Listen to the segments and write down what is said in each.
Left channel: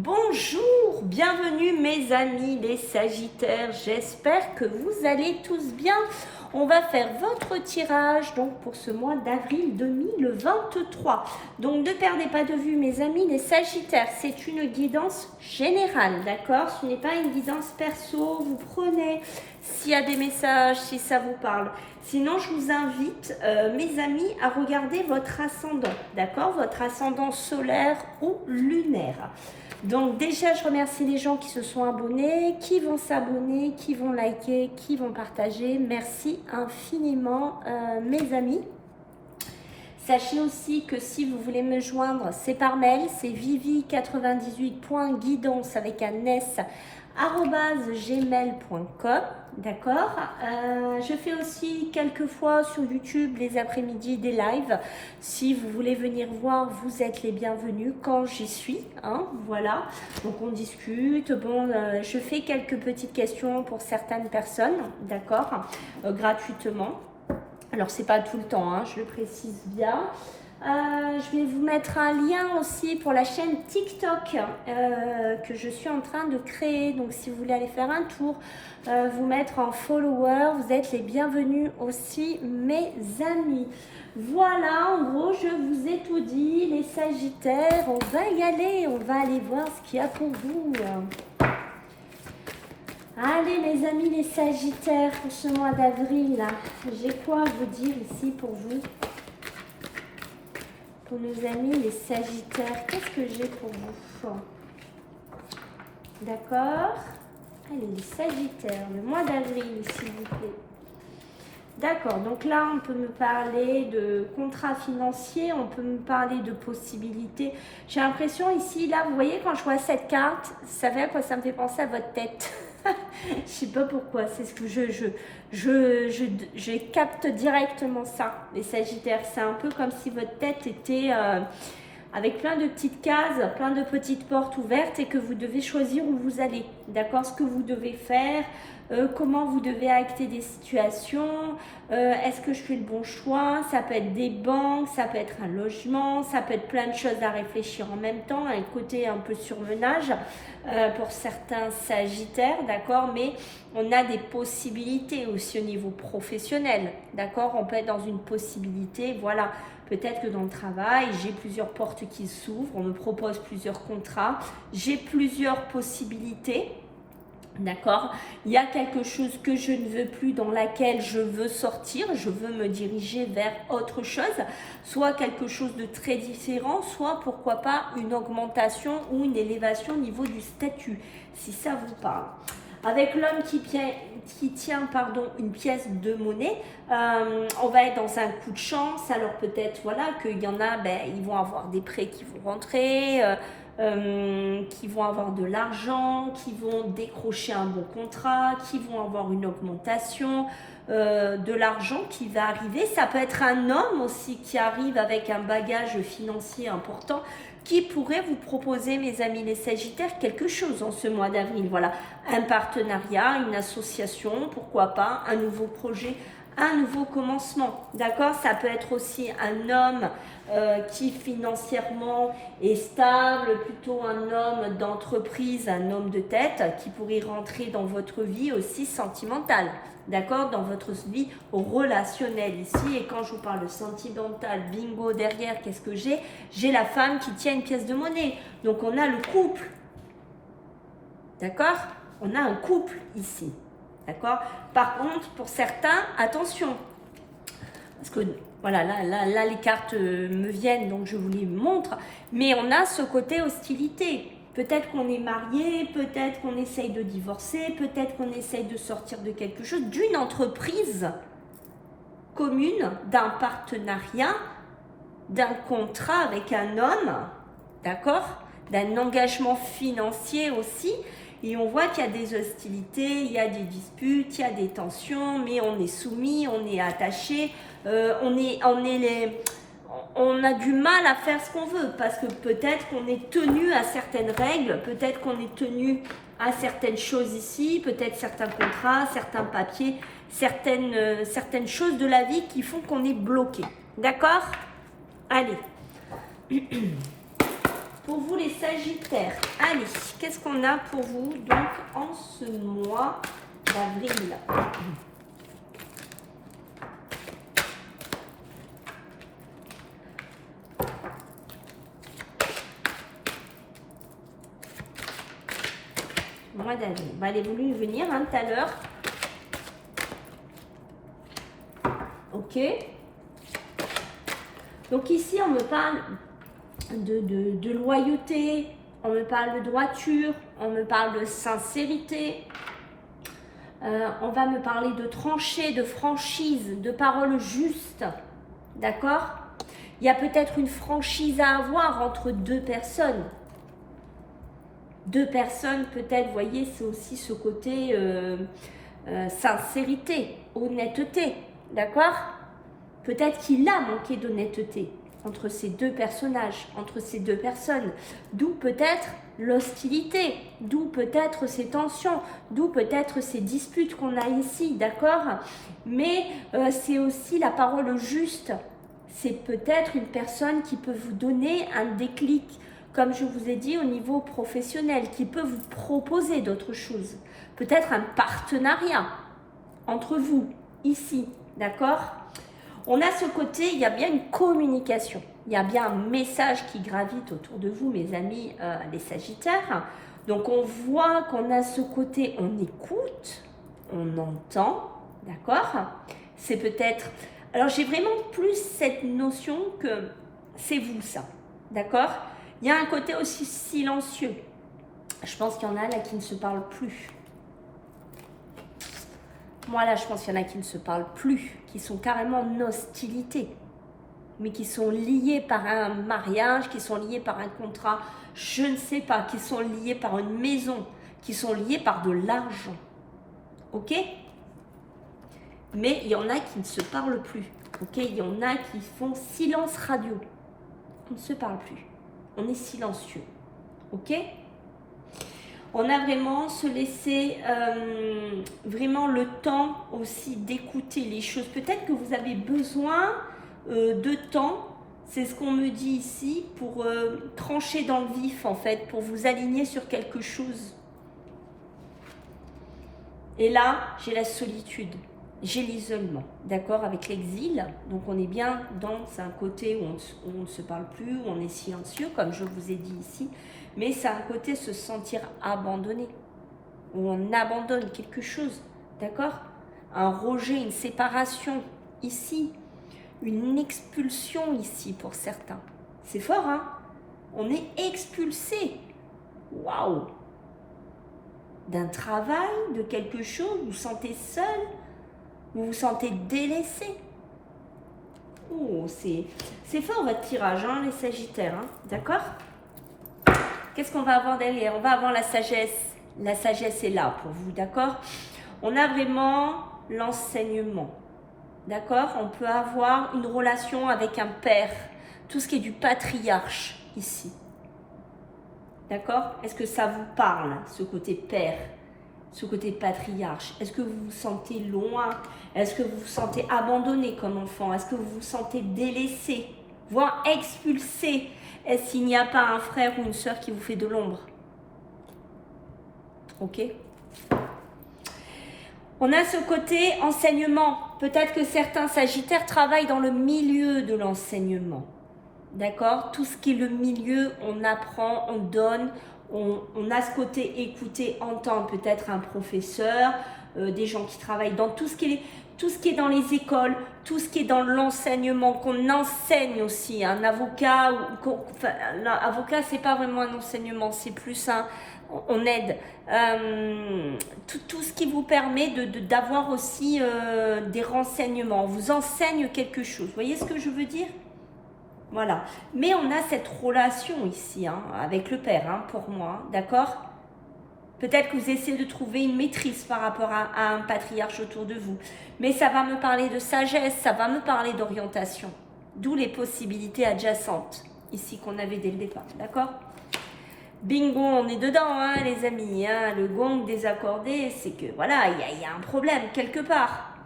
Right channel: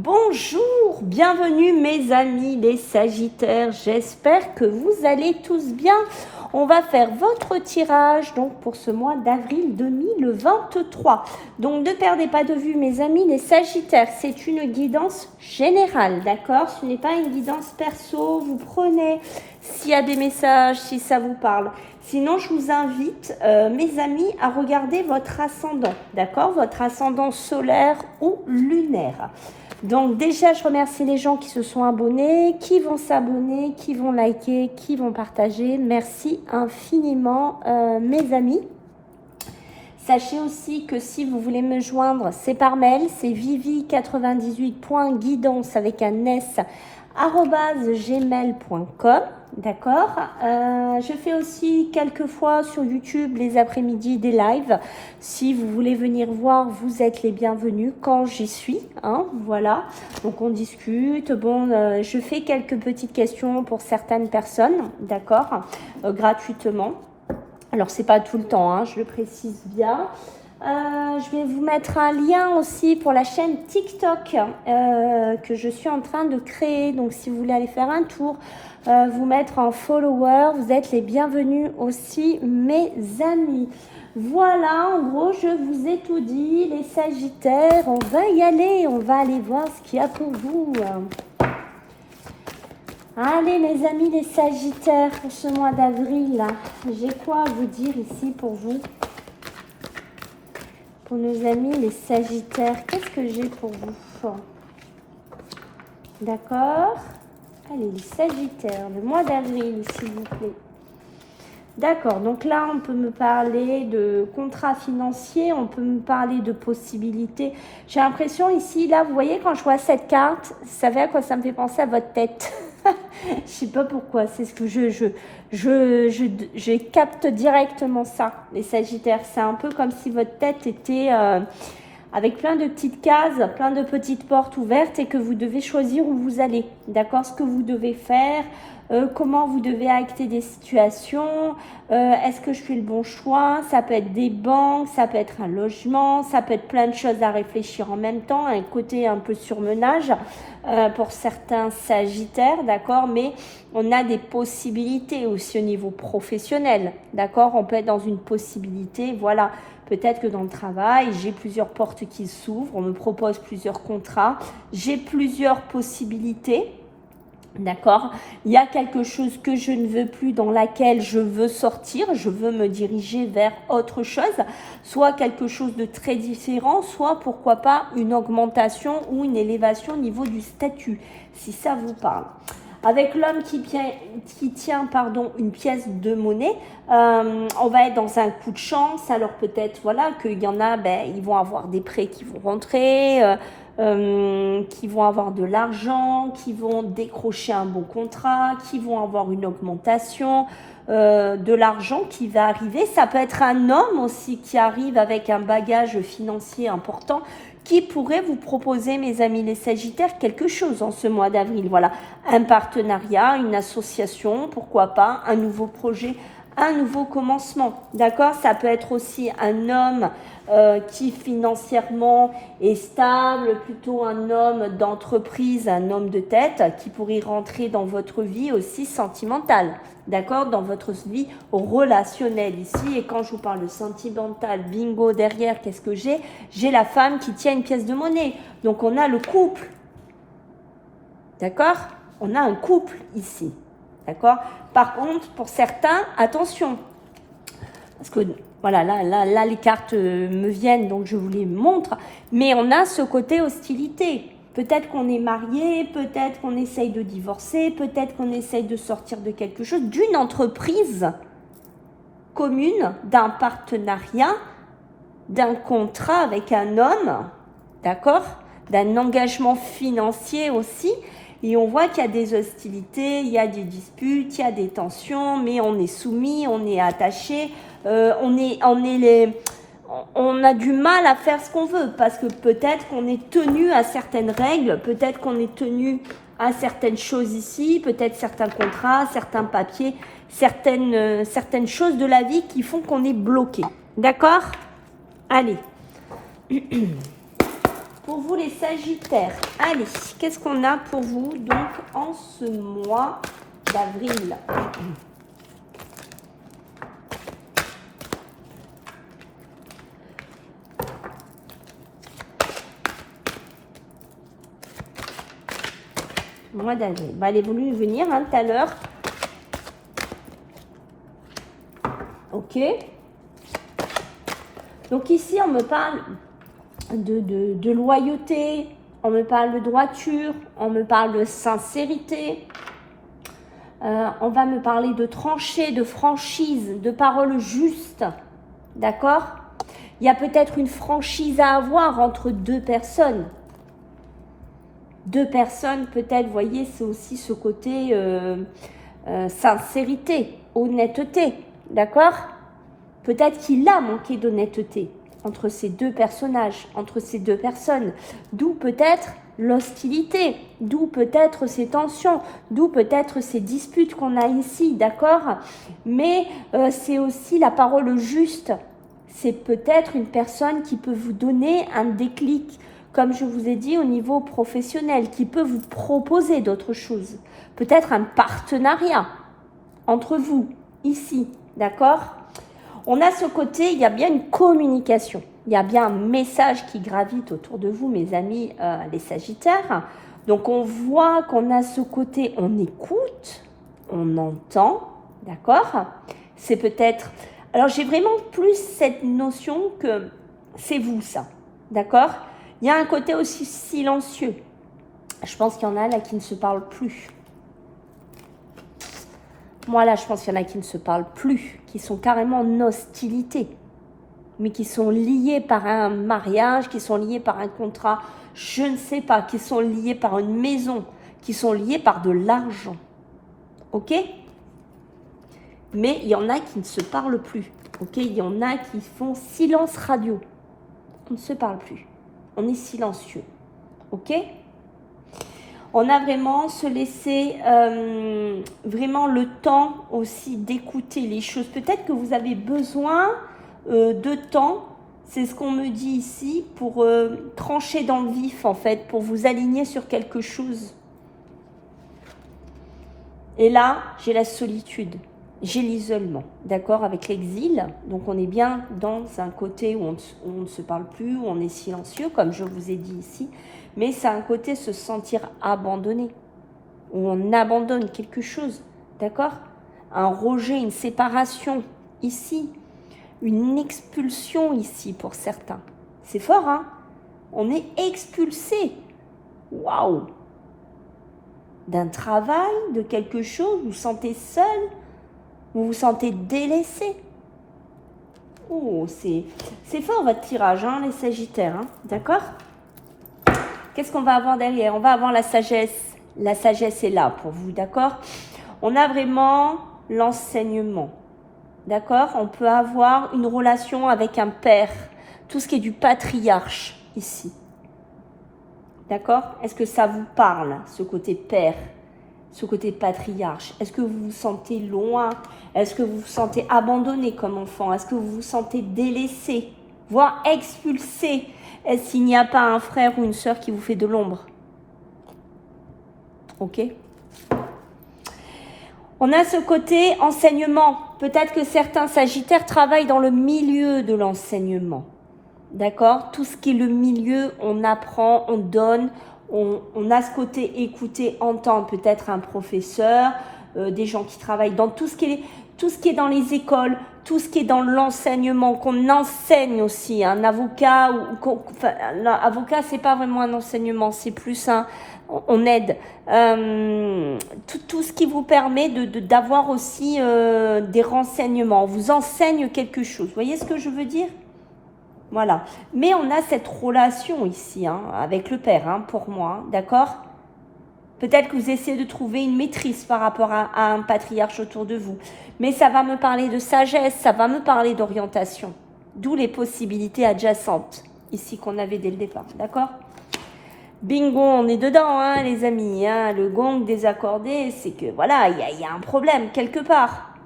Bonjour, bienvenue mes amis les Sagittaires, j'espère que vous allez tous bien. On va faire votre tirage donc pour ce mois d'avril 2023. Donc ne perdez pas de vue mes amis les Sagittaires, c'est une guidance générale, d'accord? Ce n'est pas une guidance perso, vous prenez s'il y a des messages, si ça vous parle. Sinon, je vous invite, mes amis, à regarder votre ascendant, d'accord? Votre ascendant solaire ou lunaire. Donc déjà, je remercie les gens qui se sont abonnés, qui vont s'abonner, qui vont liker, qui vont partager. Merci infiniment, mes amis. Sachez aussi que si vous voulez me joindre, c'est par mail, c'est vivi98.guidance avec un s @gmail.com. D'accord. Je fais aussi quelquefois sur YouTube les après-midi des lives. Si vous voulez venir voir, vous êtes les bienvenus quand j'y suis. Hein, voilà. Donc on discute. Bon, je fais quelques petites questions pour certaines personnes. D'accord. Gratuitement. Alors c'est pas tout le temps, hein, je le précise bien. Je vais vous mettre un lien aussi pour la chaîne TikTok que je suis en train de créer. Donc si vous voulez aller faire un tour, vous mettre en follower, vous êtes les bienvenus aussi mes amis. Voilà, en gros je vous ai tout dit les Sagittaires, on va y aller, on va aller voir ce qu'il y a pour vous. Allez mes amis les Sagittaires, pour ce mois d'avril, j'ai quoi à vous dire ici pour vous? Pour nos amis les Sagittaires, qu'est-ce que j'ai pour vous? D'accord. Allez les Sagittaires, le mois d'avril s'il vous plaît. D'accord, donc là on peut me parler de contrats financiers, on peut me parler de possibilités. J'ai l'impression ici, là vous voyez quand je vois cette carte, vous savez à quoi ça me fait penser? À votre tête. Je sais pas pourquoi, c'est ce que je capte directement ça, les Sagittaires. C'est un peu comme si votre tête était avec plein de petites cases, plein de petites portes ouvertes et que vous devez choisir où vous allez, d'accord? Ce que vous devez faire, comment vous devez acter des situations, est-ce que je fais le bon choix? Ça peut être des banques, ça peut être un logement, ça peut être plein de choses à réfléchir en même temps, un côté un peu surmenage pour certains Sagittaires, d'accord? Mais on a des possibilités aussi au niveau professionnel, d'accord? On peut être dans une possibilité, voilà. Peut-être que dans le travail, j'ai plusieurs portes qui s'ouvrent, on me propose plusieurs contrats, j'ai plusieurs possibilités. D'accord? Il y a quelque chose que je ne veux plus, dans laquelle je veux sortir, je veux me diriger vers autre chose, soit quelque chose de très différent, soit pourquoi pas une augmentation ou une élévation au niveau du statut, si ça vous parle. Avec l'homme qui tient une pièce de monnaie, on va être dans un coup de chance. Alors peut-être voilà qu'il y en a, ils vont avoir des prêts qui vont rentrer, qui vont avoir de l'argent, qui vont décrocher un bon contrat, qui vont avoir une augmentation, de l'argent qui va arriver. Ça peut être un homme aussi qui arrive avec un bagage financier important, qui pourrait vous proposer, mes amis les Sagittaires, quelque chose en ce mois d'avril. Voilà, un partenariat, une association, pourquoi pas, un nouveau projet, un nouveau commencement. D'accord? Ça peut être aussi un homme qui financièrement est stable, plutôt un homme d'entreprise, un homme de tête qui pourrait rentrer dans votre vie aussi sentimentale. D'accord? Dans votre vie relationnelle ici. Et quand je vous parle de sentimental, bingo, derrière, qu'est-ce que j'ai? J'ai la femme qui tient une pièce de monnaie. Donc on a le couple. D'accord? On a un couple ici. D'accord? Par contre, pour certains, attention. Parce que voilà, là, les cartes me viennent, donc je vous les montre. Mais on a ce côté hostilité. Peut-être qu'on est marié, peut-être qu'on essaye de divorcer, peut-être qu'on essaye de sortir de quelque chose, d'une entreprise commune, d'un partenariat, d'un contrat avec un homme, d'accord? D'un engagement financier aussi. Et on voit qu'il y a des hostilités, il y a des disputes, il y a des tensions, mais on est soumis, on est attaché, on a du mal à faire ce qu'on veut parce que peut-être qu'on est tenu à certaines règles, peut-être qu'on est tenu à certaines choses ici, peut-être certains contrats, certains papiers, certaines choses de la vie qui font qu'on est bloqué. D'accord? Allez. Pour vous les Sagittaires, allez, qu'est-ce qu'on a pour vous donc en ce mois d'avril? Mois d'avril. Bah, elle est venue venir hein, tout à l'heure. Ok. Donc ici, on me parle de loyauté, on me parle de droiture, on me parle de sincérité, on va me parler de tranchée, de franchise, de paroles justes, d'accord? Il y a peut-être une franchise à avoir entre deux personnes. Deux personnes, peut-être, vous voyez, c'est aussi ce côté sincérité, honnêteté, d'accord? Peut-être qu'il a manqué d'honnêteté entre ces deux personnages, entre ces deux personnes, d'où peut-être l'hostilité, d'où peut-être ces tensions, d'où peut-être ces disputes qu'on a ici, d'accord? Mais c'est aussi la parole juste, c'est peut-être une personne qui peut vous donner un déclic, comme je vous ai dit au niveau professionnel, qui peut vous proposer d'autres choses, peut-être un partenariat entre vous, ici, d'accord? On a ce côté, il y a bien une communication, il y a bien un message qui gravite autour de vous, mes amis les Sagittaires. Donc on voit qu'on a ce côté, on écoute, on entend, d'accord? C'est peut-être... Alors j'ai vraiment plus cette notion que c'est vous ça, d'accord? Il y a un côté aussi silencieux. Je pense qu'il y en a là qui ne se parlent plus. Moi, là, je pense qu'il y en a qui ne se parlent plus, qui sont carrément en hostilité, mais qui sont liés par un mariage, qui sont liés par un contrat, je ne sais pas, qui sont liés par une maison, qui sont liés par de l'argent. Ok? Mais il y en a qui ne se parlent plus. Ok? Il y en a qui font silence radio. On ne se parle plus. On est silencieux. Ok? On a vraiment se laisser vraiment le temps aussi d'écouter les choses. Peut-être que vous avez besoin de temps, c'est ce qu'on me dit ici, pour trancher dans le vif en fait, pour vous aligner sur quelque chose. Et là, j'ai la solitude, j'ai l'isolement, d'accord, avec l'exil. Donc on est bien dans un côté où on ne se parle plus, où on est silencieux, comme je vous ai dit ici. Mais c'est un côté se sentir abandonné, où on abandonne quelque chose, d'accord? Un rejet, une séparation ici, une expulsion ici pour certains. C'est fort, hein? On est expulsé. Waouh! D'un travail, de quelque chose, vous vous sentez seul, vous vous sentez délaissé. Oh, c'est fort votre tirage, hein, les Sagittaires, hein? D'accord? Qu'est-ce qu'on va avoir derrière? On va avoir la sagesse. La sagesse est là pour vous, d'accord? On a vraiment l'enseignement, d'accord? On peut avoir une relation avec un père, tout ce qui est du patriarche ici, d'accord? Est-ce que ça vous parle, ce côté père, ce côté patriarche? Est-ce que vous vous sentez loin? Est-ce que vous vous sentez abandonné comme enfant? Est-ce que vous vous sentez délaissé, voire expulsé? Est-ce qu'il n'y a pas un frère ou une sœur qui vous fait de l'ombre? Ok? On a ce côté enseignement. Peut-être que certains Sagittaires travaillent dans le milieu de l'enseignement. D'accord? Tout ce qui est le milieu, on apprend, on donne. On a ce côté écouter, entendre. Peut-être un professeur, des gens qui travaillent dans tout ce qui est dans les écoles, tout ce qui est dans l'enseignement, qu'on enseigne aussi. Un avocat, l'avocat, c'est pas vraiment un enseignement, c'est plus on aide. Tout ce qui vous permet d'avoir aussi des renseignements. On vous enseigne quelque chose. Vous voyez ce que je veux dire? Voilà. Mais on a cette relation ici, hein, avec le père, hein, pour moi, d'accord? Peut-être que vous essayez de trouver une maîtrise par rapport à un patriarche autour de vous. Mais ça va me parler de sagesse, ça va me parler d'orientation. D'où les possibilités adjacentes, ici, qu'on avait dès le départ. D'accord? Bingo, on est dedans, hein, les amis. Hein, le gong désaccordé, c'est que, voilà, il y a un problème quelque part.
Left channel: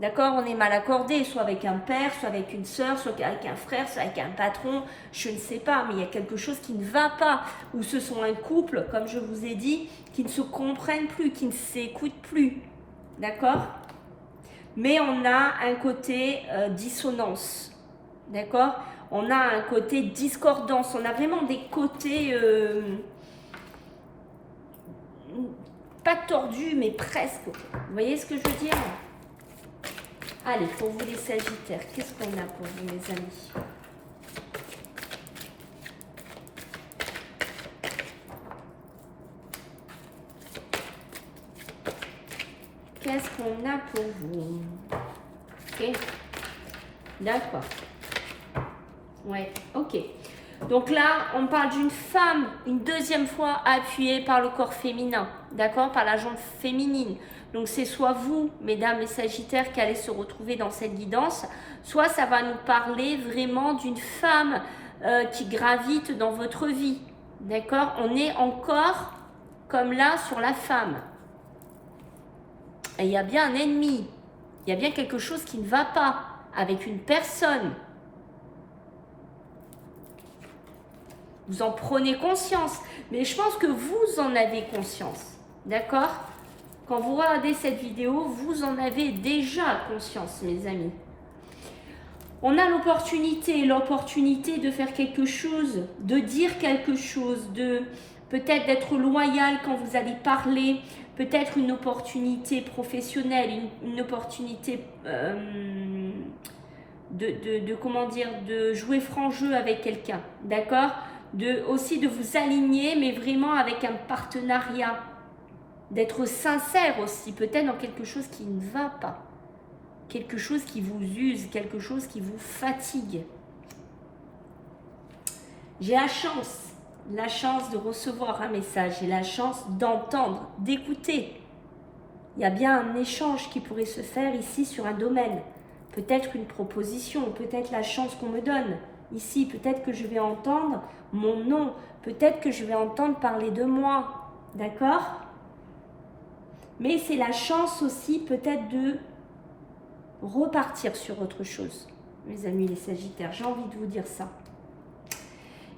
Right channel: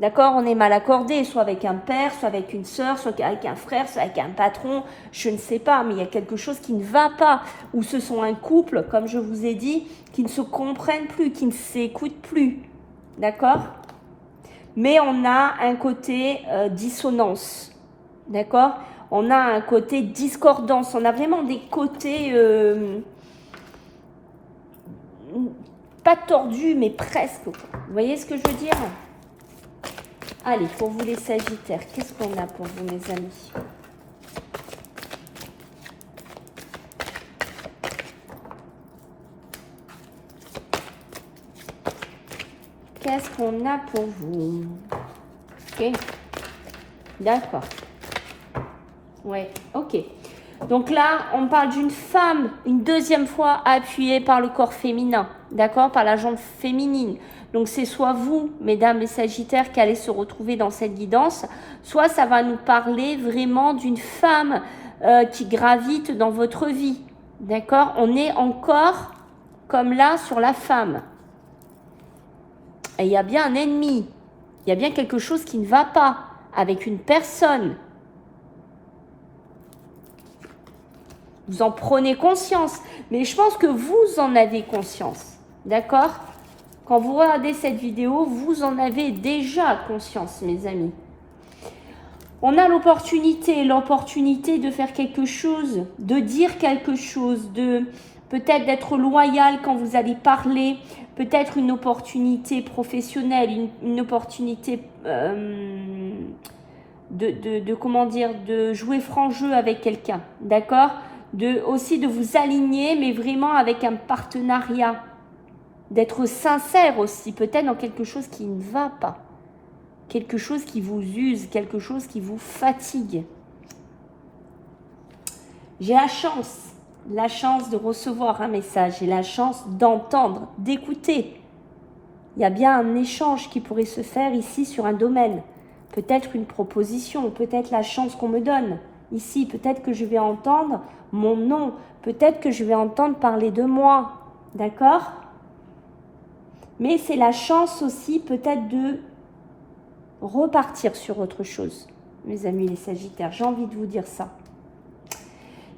D'accord? On est mal accordé, soit avec un père, soit avec une sœur, soit avec un frère, soit avec un patron, je ne sais pas, mais il y a quelque chose qui ne va pas. Ou ce sont un couple, comme je vous ai dit, qui ne se comprennent plus, qui ne s'écoutent plus. D'accord? Mais on a un côté dissonance. D'accord? On a un côté discordance. On a vraiment des côtés pas tordus, mais presque. Vous voyez ce que je veux dire? Allez, pour vous les Sagittaires, qu'est-ce qu'on a pour vous, mes amis? Qu'est-ce qu'on a pour vous? Ok. D'accord. Ouais, ok. Donc là, on parle d'une femme, une deuxième fois appuyée par le corps féminin, d'accord? Par la jambe féminine. Donc c'est soit vous, mesdames les Sagittaires, qui allez se retrouver dans cette guidance, soit ça va nous parler vraiment d'une femme qui gravite dans votre vie, d'accord? On est encore comme là sur la femme. Et il y a bien un ennemi, il y a bien quelque chose qui ne va pas avec une personne. Vous en prenez conscience, mais je pense que vous en avez conscience, d'accord? Quand vous regardez cette vidéo, vous en avez déjà conscience, mes amis. On a l'opportunité de faire quelque chose, de dire quelque chose, de peut-être d'être loyal quand vous allez parler, peut-être une opportunité professionnelle, une opportunité comment dire, de jouer franc jeu avec quelqu'un, d'accord? Aussi de vous aligner, mais vraiment avec un partenariat, d'être sincère aussi, peut-être dans quelque chose qui ne va pas, quelque chose qui vous use, quelque chose qui vous fatigue. J'ai la chance de recevoir un message, j'ai la chance d'entendre, d'écouter. Il y a bien un échange qui pourrait se faire ici sur un domaine, peut-être une proposition, peut-être la chance qu'on me donne. Ici, peut-être que je vais entendre mon nom, peut-être que je vais entendre parler de moi, d'accord? Mais c'est la chance aussi peut-être de repartir sur autre chose, mes amis les Sagittaires, j'ai envie de vous dire ça.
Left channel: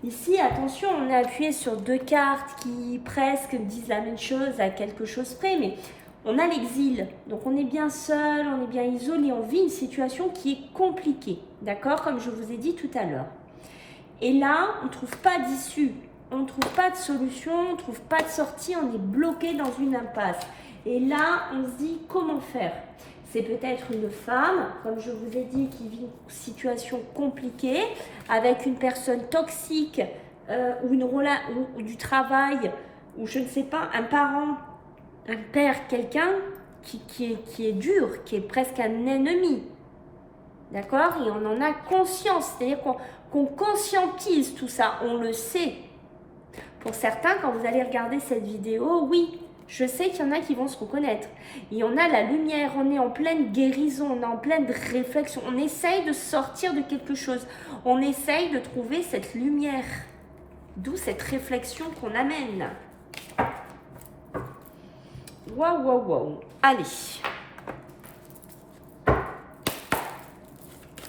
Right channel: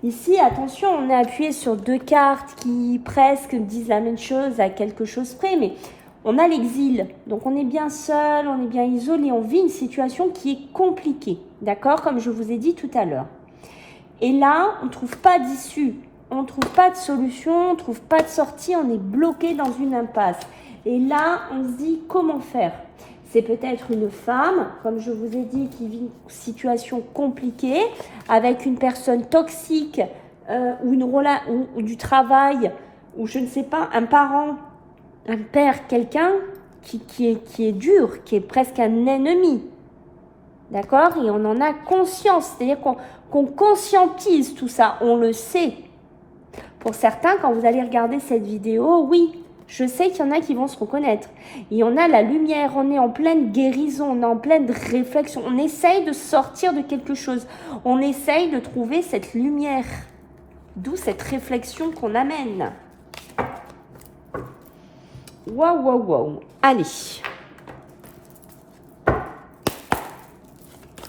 Ici, attention, on est appuyé sur deux cartes qui presque disent la même chose à quelque chose près, mais on a l'exil, donc on est bien seul, on est bien isolé, on vit une situation qui est compliquée, d'accord, comme je vous ai dit tout à l'heure. Et là, on ne trouve pas d'issue, on ne trouve pas de solution, on ne trouve pas de sortie, on est bloqué dans une impasse. Et là, on se dit comment faire? C'est peut-être une femme, comme je vous ai dit, qui vit une situation compliquée, avec une personne toxique, ou du travail, ou je ne sais pas, un parent, un père, quelqu'un qui est dur, qui est presque un ennemi. D'accord? Et on en a conscience, c'est-à-dire qu'on conscientise tout ça, on le sait. Pour certains, quand vous allez regarder cette vidéo, oui, je sais qu'il y en a qui vont se reconnaître. Et on a la lumière, on est en pleine guérison, on est en pleine réflexion. On essaye de sortir de quelque chose. On essaye de trouver cette lumière. D'où cette réflexion qu'on amène. Waouh, waouh, waouh. Allez.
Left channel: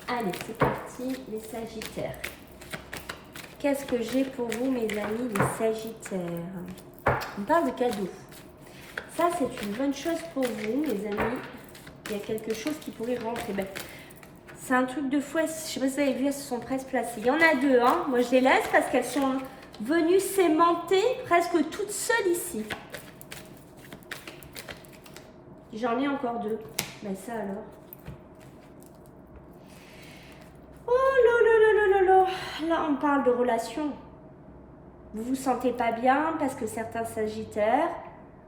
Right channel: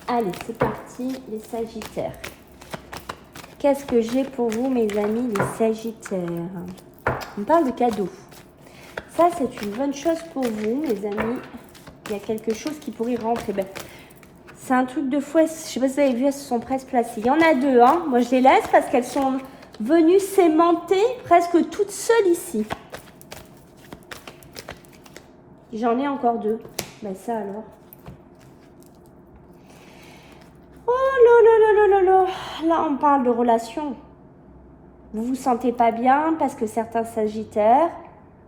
Allez, c'est parti, les Sagittaires. Qu'est-ce que j'ai pour vous, mes amis, les Sagittaires? On parle de cadeaux. Ça, c'est une bonne chose pour vous, les amis. Il y a quelque chose qui pourrait rentrer. Ben, c'est un truc de fou. Je ne sais pas si vous avez vu, elles se sont presque placées. Il y en a deux, hein. Moi, je les laisse parce qu'elles sont venues s'aimanter presque toutes seules ici. J'en ai encore deux. Mais ça, alors. Oh là là là là là là. Là, on parle de relation. Vous vous sentez pas bien parce que certains Sagittaires,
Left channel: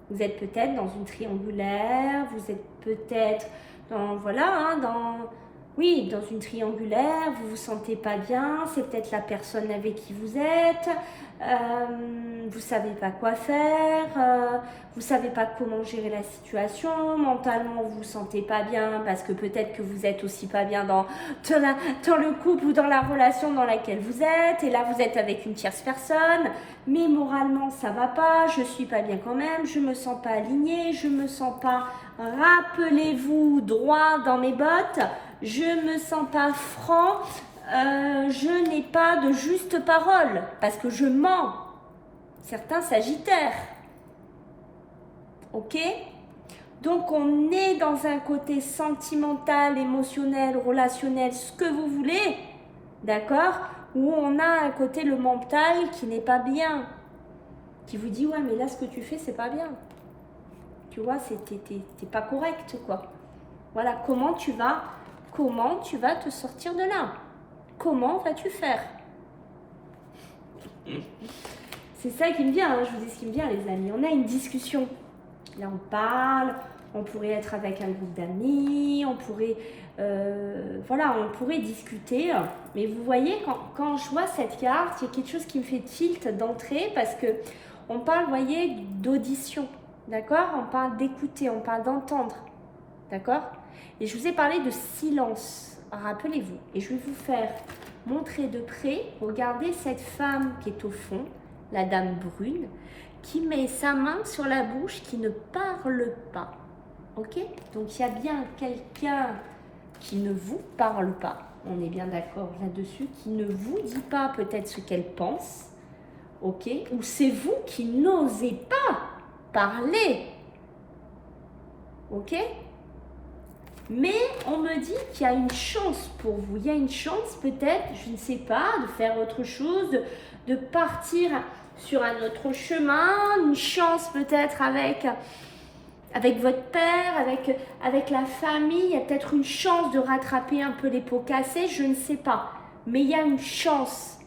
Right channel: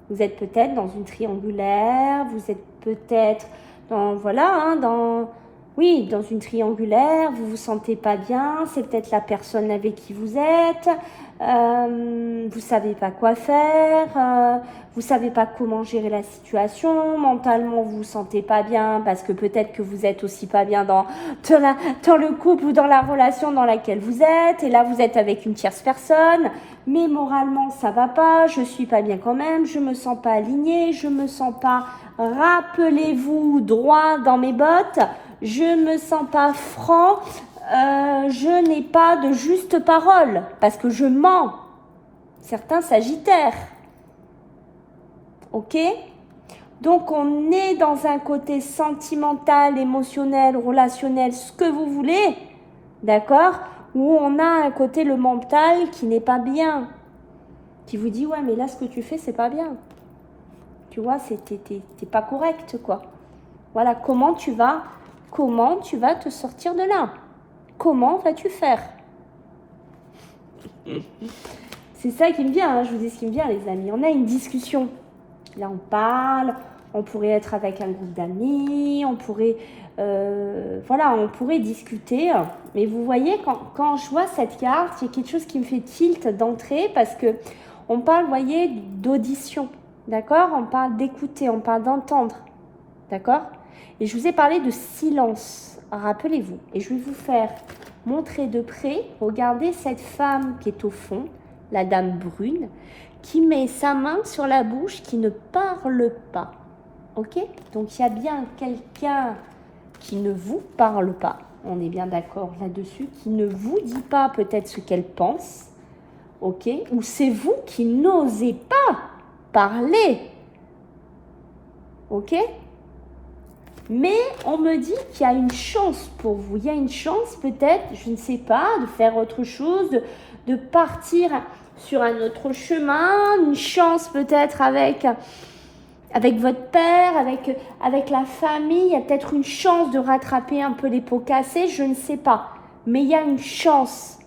vous êtes peut-être dans une triangulaire, vous êtes peut-être dans, voilà, hein, dans une triangulaire, vous vous sentez pas bien, c'est peut-être la personne avec qui vous êtes, vous savez pas quoi faire, vous savez pas comment gérer la situation, mentalement vous vous sentez pas bien parce que peut-être que vous êtes aussi pas bien dans le couple ou dans la relation dans laquelle vous êtes, et là vous êtes avec une tierce personne, mais moralement ça va pas, je suis pas bien quand même, je me sens pas alignée, je me sens pas, rappelez-vous, droit dans mes bottes, je me sens pas franc, je n'ai pas de juste parole parce que je mens. Certains sagittaires. Ok? Donc on est dans un côté sentimental, émotionnel, relationnel, ce que vous voulez, d'accord? Où on a un côté le mental qui n'est pas bien, qui vous dit ouais mais là ce que tu fais c'est pas bien. Tu vois, t'es pas correct quoi. Voilà, comment tu vas te sortir de là? Comment vas-tu faire? C'est ça qui me vient, hein, je vous dis ce qui me vient les amis. On a une discussion. Là on parle, on pourrait être avec un groupe d'amis, on pourrait, voilà, on pourrait discuter. Mais vous voyez, quand je vois cette carte, il y a quelque chose qui me fait tilt d'entrée parce que on parle, vous voyez, d'audition. D'accord? On parle d'écouter, on parle d'entendre. D'accord? Et je vous ai parlé de silence. Rappelez-vous, et je vais vous faire montrer de près, regardez cette femme qui est au fond, la dame brune, qui met sa main sur la bouche, qui ne parle pas. Ok? Donc il y a bien quelqu'un qui ne vous parle pas, on est bien d'accord là-dessus, qui ne vous dit pas peut-être ce qu'elle pense, ok? Ou c'est vous qui n'osez pas parler, ok? Mais on me dit qu'il y a une chance pour vous. Il y a une chance peut-être, je ne sais pas, de faire autre chose, de partir sur un autre chemin. Une chance peut-être avec votre père, avec la famille. Il y a peut-être une chance de rattraper un peu les pots cassés, je ne sais pas. Mais il y a une chance.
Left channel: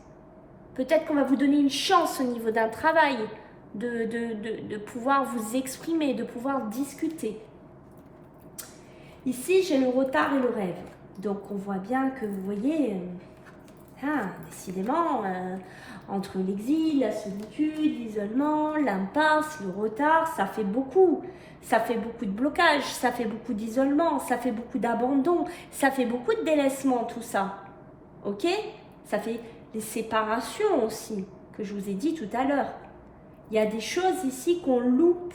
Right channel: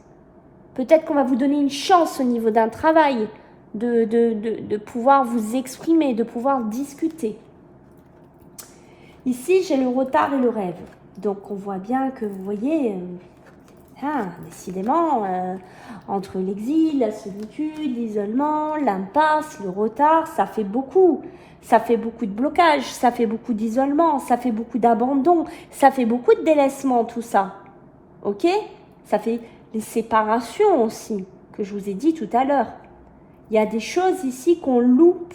Peut-être qu'on va vous donner une chance au niveau d'un travail, de pouvoir vous exprimer, de pouvoir discuter. Ici, j'ai le retard et le rêve. Donc, on voit bien que, vous voyez, décidément, entre l'exil, la solitude, l'isolement, l'impasse, le retard, ça fait beaucoup. Ça fait beaucoup de blocage, ça fait beaucoup d'isolement, ça fait beaucoup d'abandon, ça fait beaucoup de délaissement, tout ça. Ok? Ça fait les séparations aussi, que je vous ai dit tout à l'heure. Il y a des choses ici qu'on loupe.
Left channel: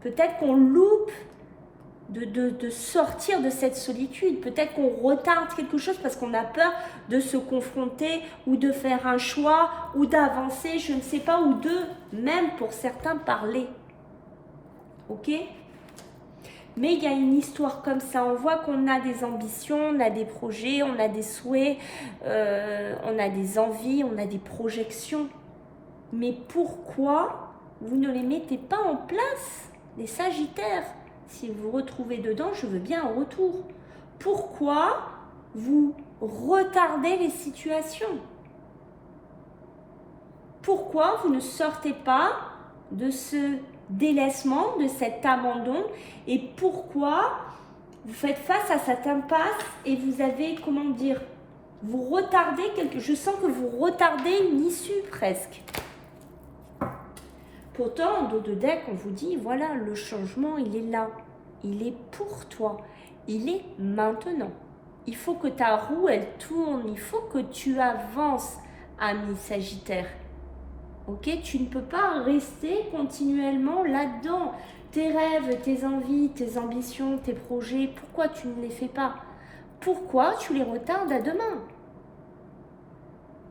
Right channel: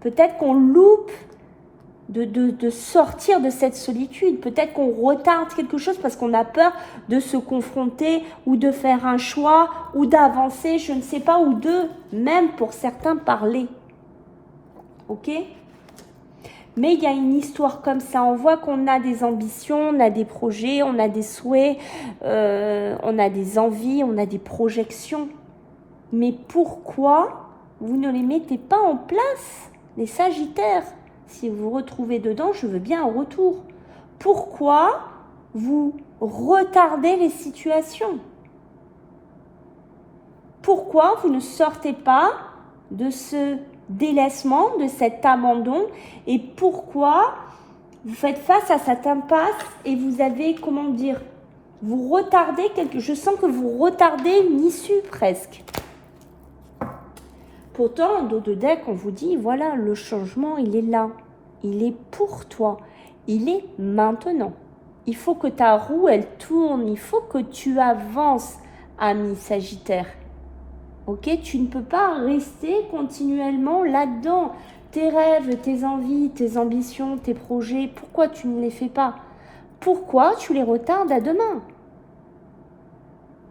Peut-être qu'on loupe de sortir de cette solitude. Peut-être qu'on retarde quelque chose parce qu'on a peur de se confronter ou de faire un choix ou d'avancer, je ne sais pas, ou de, même pour certains, parler. Ok? Mais il y a une histoire comme ça. On voit qu'on a des ambitions, on a des projets, on a des souhaits, on a des envies, on a des projections. Mais pourquoi vous ne les mettez pas en place, les Sagittaires? Si vous vous retrouvez dedans, je veux bien un retour. Pourquoi vous retardez les situations? Pourquoi vous ne sortez pas de ce délaissement, de cet abandon? Et pourquoi vous faites face à cette impasse et vous avez, comment dire, vous retardez quelque chose? Je sens que vous retardez une issue presque. Pourtant, en dos de deck, on vous dit, voilà, le changement, il est là. Il est pour toi. Il est maintenant. Il faut que ta roue, elle tourne. Il faut que tu avances, ami Sagittaire. Ok? Tu ne peux pas rester continuellement là-dedans. Tes rêves, tes envies, tes ambitions, tes projets, pourquoi tu ne les fais pas? Pourquoi tu les retardes à demain?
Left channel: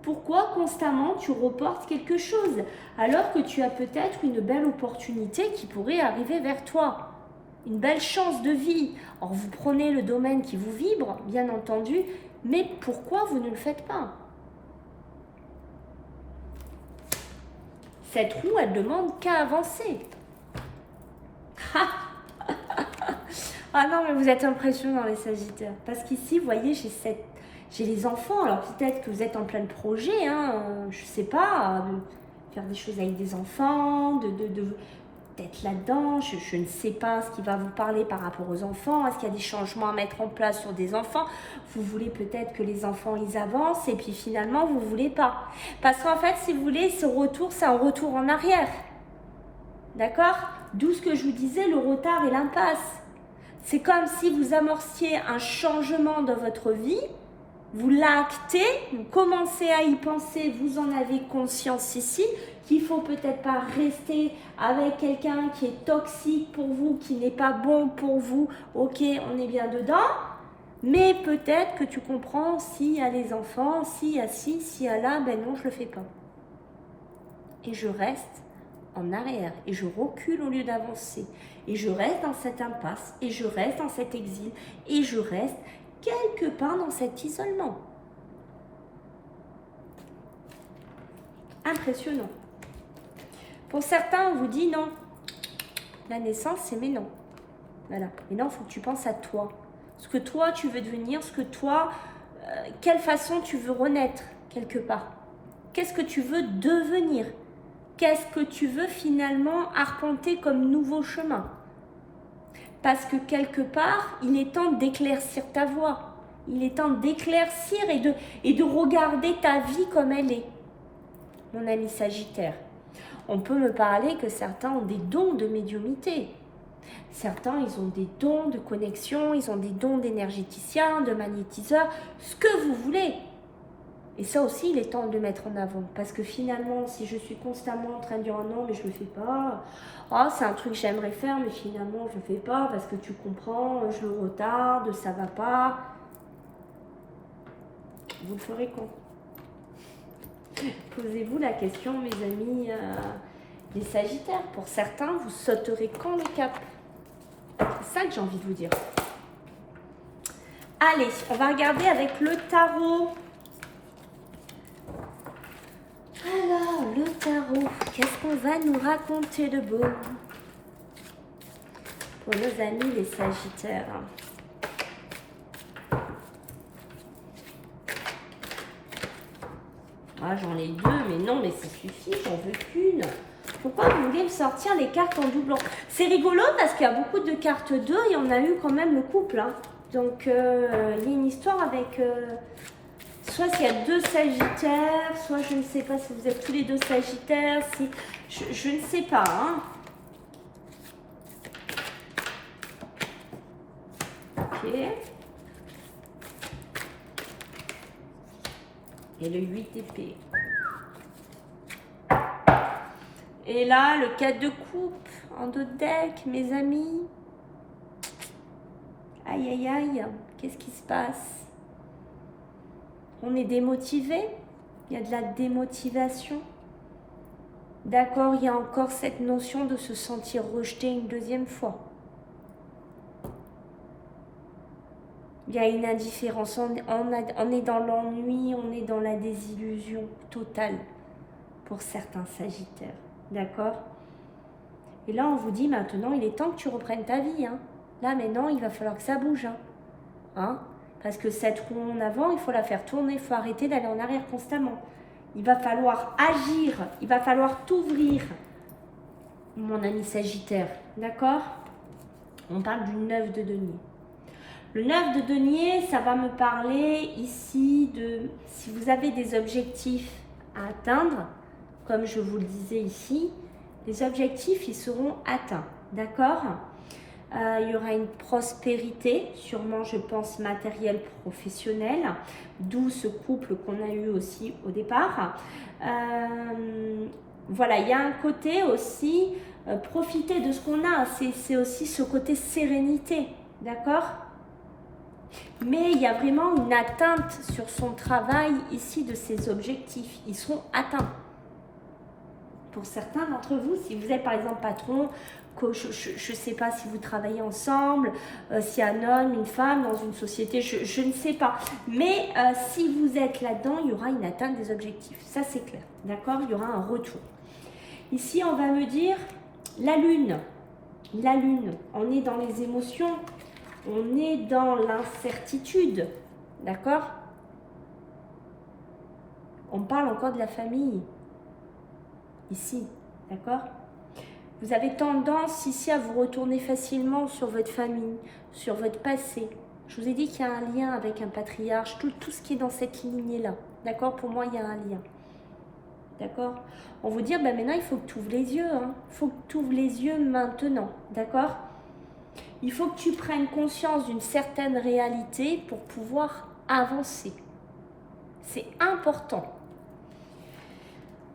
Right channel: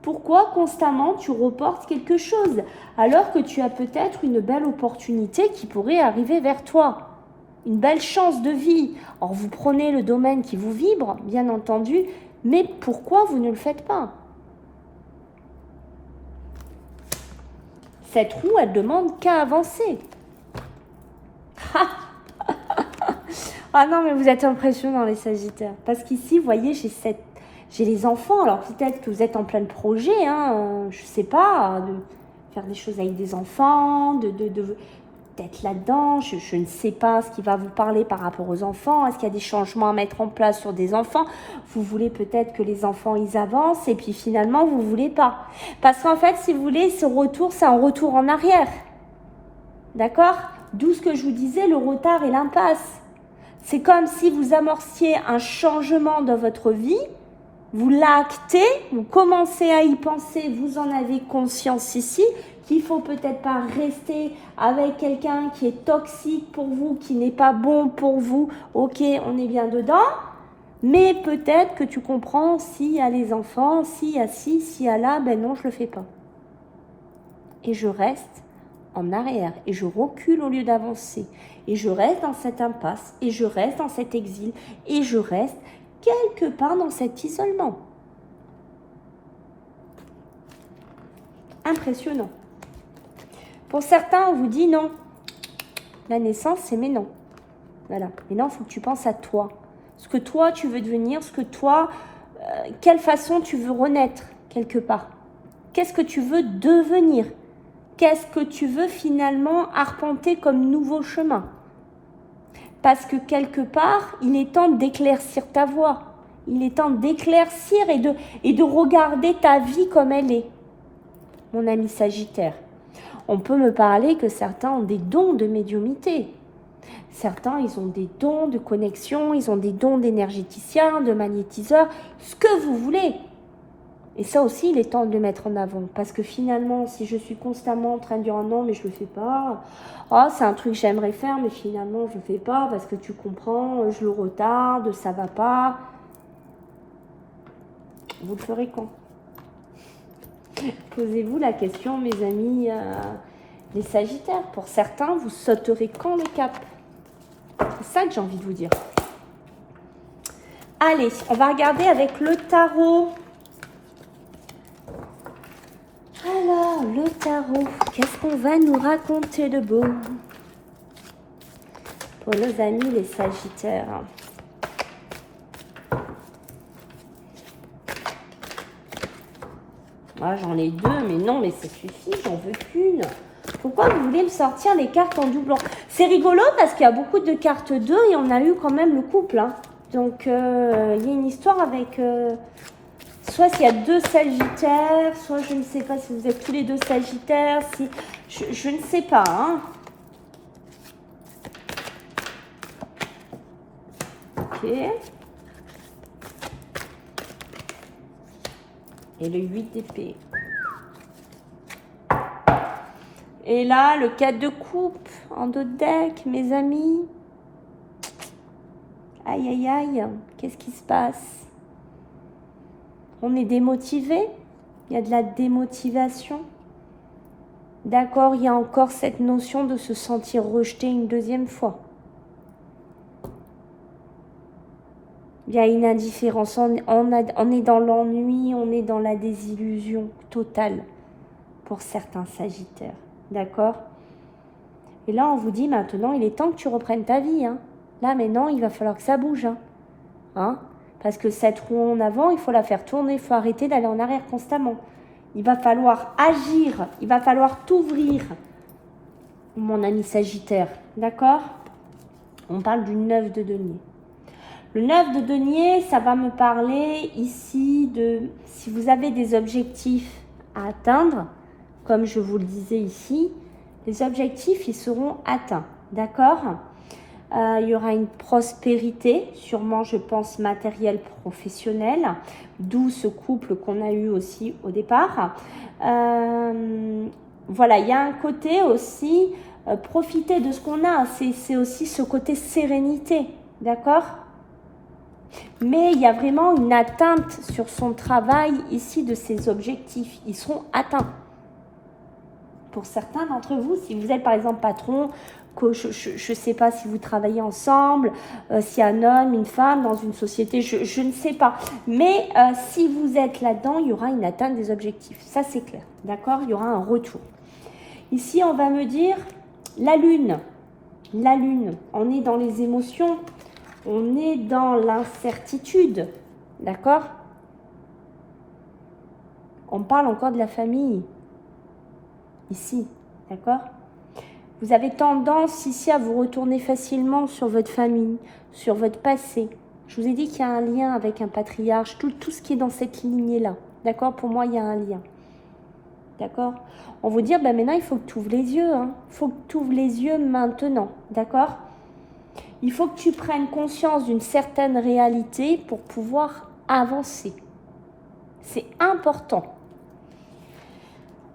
Pourquoi constamment tu reportes quelque chose alors que tu as peut-être une belle opportunité qui pourrait arriver vers toi? Une belle chance de vie. Or, vous prenez le domaine qui vous vibre, bien entendu, mais pourquoi vous ne le faites pas? Cette roue, elle demande qu'à avancer. Ah non, mais vous êtes impressionnants, les Sagittaires. Parce qu'ici, vous voyez, j'ai les enfants. Alors peut-être que vous êtes en plein projet, hein, je sais pas, de faire des choses avec des enfants, peut-être là-dedans, je ne sais pas ce qui va vous parler par rapport aux enfants, est-ce qu'il y a des changements à mettre en place sur des enfants, vous voulez peut-être que les enfants ils avancent et puis finalement vous ne voulez pas. Parce qu'en fait, si vous voulez, ce retour, c'est un retour en arrière. D'accord? D'où ce que je vous disais, le retard et l'impasse. C'est comme si vous amorciez un changement dans votre vie, vous l'actez, vous commencez à y penser, vous en avez conscience ici, qu'il ne faut peut-être pas rester avec quelqu'un qui est toxique pour vous, qui n'est pas bon pour vous. Ok, on est bien dedans, mais peut-être que tu comprends, s'il y a les enfants, s'il y a ci, s'il y a là, ben non, je ne le fais pas. Et je reste en arrière, et je recule au lieu d'avancer, et je reste dans cette impasse, et je reste dans cet exil, et je reste quelque part dans cet isolement. Impressionnant. Pour certains, on vous dit non. La naissance, c'est mais non. Voilà. Mais non, il faut que tu penses à toi. Ce que toi, tu veux devenir, ce que toi, quelle façon tu veux renaître quelque part. Qu'est-ce que tu veux devenir? Qu'est-ce que tu veux finalement arpenter comme nouveau chemin? Parce que quelque part, il est temps d'éclaircir ta voie. Il est temps d'éclaircir et de regarder ta vie comme elle est. Mon ami Sagittaire, on peut me parler que certains ont des dons de médiumnité. Certains, ils ont des dons de connexion, ils ont des dons d'énergéticiens, de magnétiseurs, ce que vous voulez. Et ça aussi, il est temps de le mettre en avant. Parce que finalement, si je suis constamment en train de dire oh non, mais je ne le fais pas. Oh, c'est un truc que j'aimerais faire, mais finalement, je ne le fais pas parce que tu comprends, je le retarde, ça ne va pas. Vous le ferez quand? Posez-vous la question, mes amis, les Sagittaires. Pour certains, vous sauterez quand le cap? C'est ça que j'ai envie de vous dire. Allez, on va regarder avec le tarot. Alors, le tarot, qu'est-ce qu'on va nous raconter de beau pour nos amis les Sagittaires? Ah, j'en ai deux, mais non, mais ça suffit, j'en veux qu'une. Pourquoi vous voulez me sortir les cartes en doublant? C'est rigolo parce qu'il y a beaucoup de cartes 2 et on a eu quand même le couple. Hein. Donc, il y a une histoire avec... soit s'il y a deux Sagittaires, soit je ne sais pas si vous êtes tous les deux Sagittaires. Si, je ne sais pas. Hein. Ok. Et le 8 d'épée. Et là, le 4 de coupe en dos de deck, mes amis. Aïe, aïe, aïe. Qu'est-ce qui se passe? On est démotivé. Il y a de la démotivation. D'accord, il y a encore cette notion de se sentir rejeté une deuxième fois. Il y a une indifférence. On est dans l'ennui, on est dans la désillusion totale pour certains Sagittaires. D'accord? Et là, on vous dit maintenant, il est temps que tu reprennes ta vie. Hein. Là, maintenant, il va falloir que ça bouge. Hein. Parce que cette roue en avant, il faut la faire tourner. Il faut arrêter d'aller en arrière constamment. Il va falloir agir. Il va falloir t'ouvrir, mon ami Sagittaire. D'accord? On parle du 9 de denier. Le 9 de denier, ça va me parler ici de si vous avez des objectifs à atteindre, comme je vous le disais ici, les objectifs, ils seront atteints, d'accord? Il y aura une prospérité, sûrement, je pense, matérielle, professionnelle, d'où ce couple qu'on a eu aussi au départ. Voilà, il y a un côté aussi, profiter de ce qu'on a, c'est aussi ce côté sérénité, d'accord? Mais il y a vraiment une atteinte sur son travail ici de ses objectifs. Ils seront atteints. Pour certains d'entre vous, si vous êtes par exemple patron, je ne sais pas si vous travaillez ensemble, s'il y a un homme, une femme dans une société, je ne sais pas. Mais si vous êtes là-dedans, il y aura une atteinte des objectifs. Ça, c'est clair. D'accord? Il y aura un retour. Ici, on va me dire la lune. La lune, on est dans les émotions. On est dans l'incertitude, d'accord? On parle encore de la famille, ici, d'accord? Vous avez tendance ici à vous retourner facilement sur votre famille, sur votre passé. Je vous ai dit qu'il y a un lien avec un patriarche, tout ce qui est dans cette lignée-là. D'accord? Pour moi, il y a un lien. D'accord? On vous dit, ben maintenant, il faut que tu ouvres les yeux. Hein. Il faut que tu ouvres les yeux maintenant. D'accord? Il faut que tu prennes conscience d'une certaine réalité pour pouvoir avancer. C'est important.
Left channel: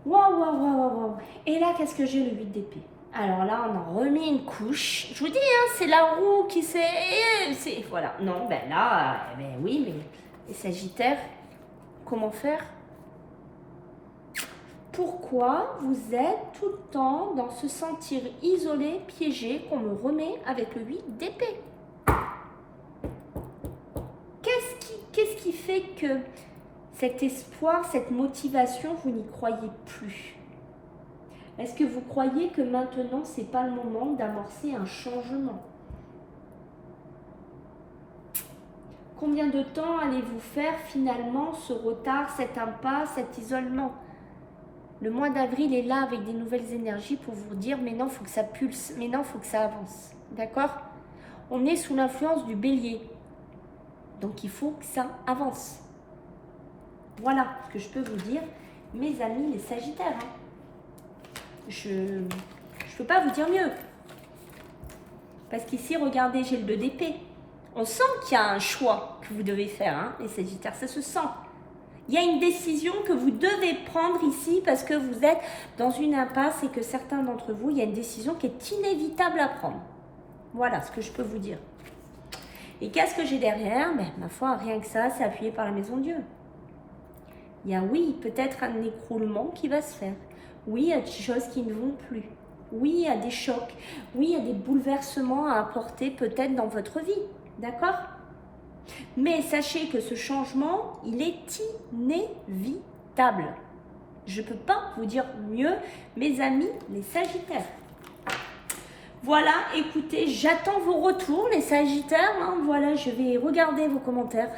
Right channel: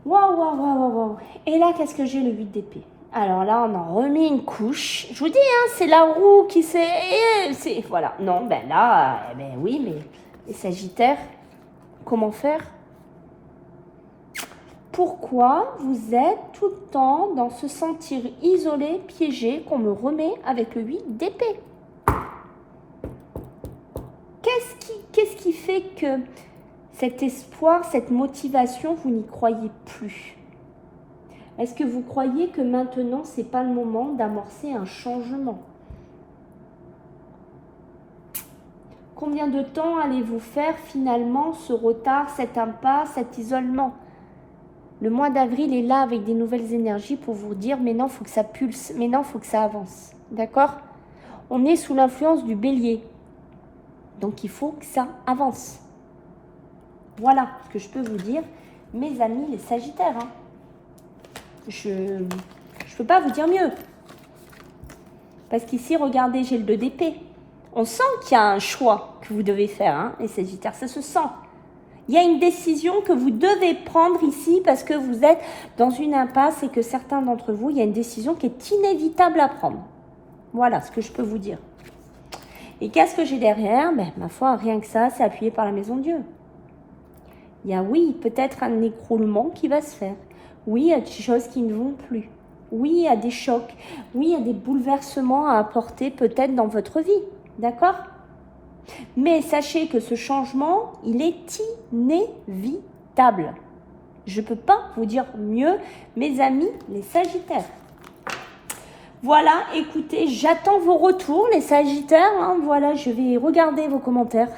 Waouh, waouh, waouh, waouh, waouh. Et là, qu'est-ce que j'ai? Le 8 d'épée. Alors là, on en remet une couche. Je vous dis, hein, c'est la roue qui s'est... Voilà. Non, ben là, ben oui, mais les Sagittaires, comment faire? Pourquoi vous êtes tout le temps dans ce sentir isolé, piégé, qu'on me remet avec le 8 d'épée? Qu'est-ce qui fait que cet espoir, cette motivation, vous n'y croyez plus? Est-ce que vous croyez que maintenant, ce n'est pas le moment d'amorcer un changement? Combien de temps allez-vous faire finalement ce retard, cette impasse, cet isolement? Le mois d'avril est là avec des nouvelles énergies pour vous dire, mais non, il faut que ça pulse, mais non, il faut que ça avance. D'accord? On est sous l'influence du bélier. Donc, il faut que ça avance. Voilà ce que je peux vous dire, mes amis les Sagittaires. Hein. Je ne peux pas vous dire mieux. Parce qu'ici, regardez, j'ai le 2 d'épée. On sent qu'il y a un choix que vous devez faire, hein, les Sagittaires. Ça se sent. Il y a une décision que vous devez prendre ici parce que vous êtes dans une impasse et que certains d'entre vous, il y a une décision qui est inévitable à prendre. Voilà ce que je peux vous dire. Et qu'est-ce que j'ai derrière? Ben, ma foi, rien que ça, c'est appuyé par la maison de Dieu. Il y a, oui, peut-être un écroulement qui va se faire. Oui, il y a des choses qui ne vont plus. Oui, il y a des chocs. Oui, il y a des bouleversements à apporter peut-être dans votre vie. D'accord? Mais sachez que ce changement, il est inévitable. Je ne peux pas vous dire mieux, mes amis, les Sagittaires. Voilà, écoutez, j'attends vos retours, les Sagittaires. Hein, voilà, je vais regarder vos commentaires.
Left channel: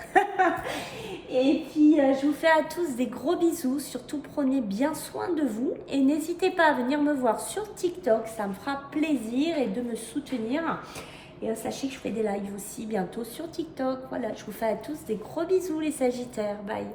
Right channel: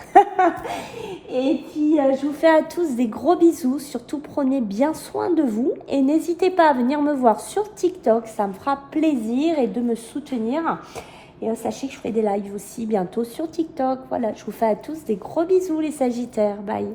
Et puis, je vous fais à tous des gros bisous. Surtout, prenez bien soin de vous. Et n'hésitez pas à venir me voir sur TikTok. Ça me fera plaisir et de me soutenir. Et sachez que je fais des lives aussi bientôt sur TikTok. Voilà, je vous fais à tous des gros bisous, les Sagittaires. Bye.